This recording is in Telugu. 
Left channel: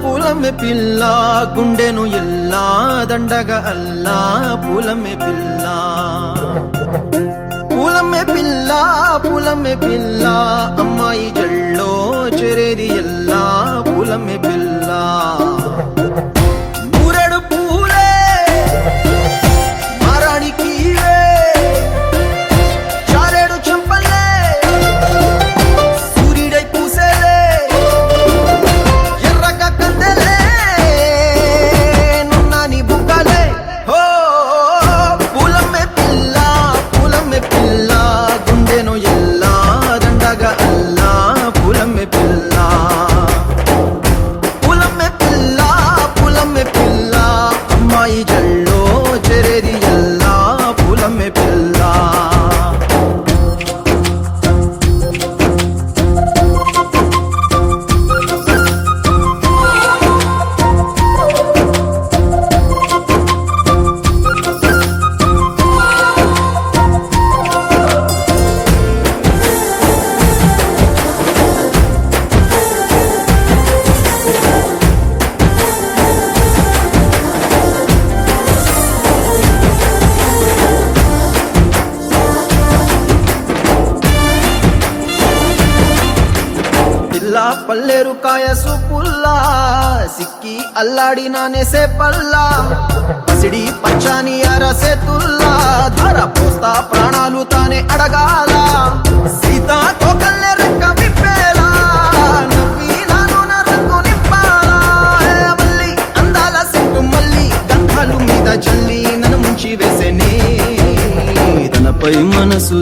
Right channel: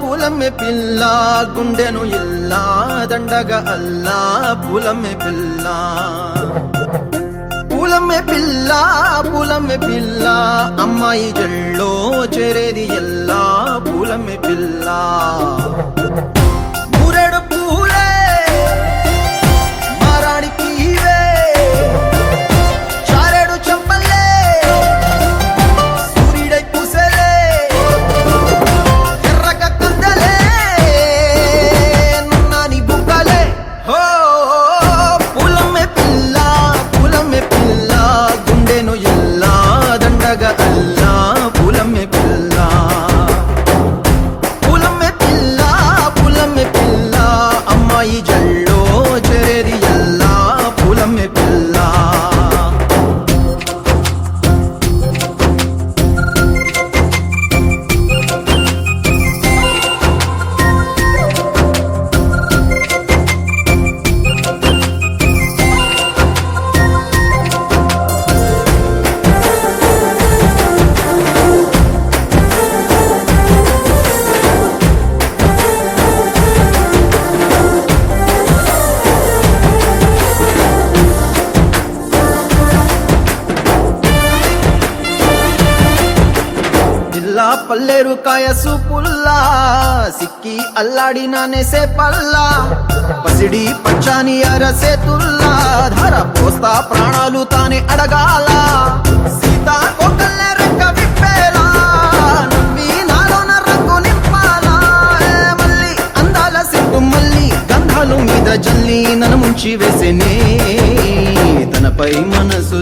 పూలమే పిల్ల గుండెను ఎల్లా దండగా అల్లా పూలమే పిల్ల పూలమే పిల్ల అమ్మాయి జల్లో చేరేది ఎల్లా పూలమే పిల్ల ఊరెడు పూలే మారాడికి చారెడు చెప్పలే సూర్యుడై పూసే ఎర్రగా కందలే నున్నాని బుక్కలే హో పూలమే పిల్ల గుండెను ఎల్లా దండగా అల్లా పూలమే పిల్ల అమ్మాయి జల్లో చేరేది ఎల్లా పూలమే పిల్ల పల్లేరు కాయ సూపుల్లా సిక్కి అల్లాడి నానేసే పల్లా పసిడి పచ్చాని అరసే తుల్లా ధర పోస్తా ప్రాణాలు తానే అడగాల సీతా కోకల్లే రెక్క విప్పేలా నవ్వి నాలోన రంగు నింపాలా మళ్ళీ అందాల సిగ్గు మళ్ళీ గంధాలు మీద జల్లి నన్ను ముంచి వేసేనే తనపై మనసు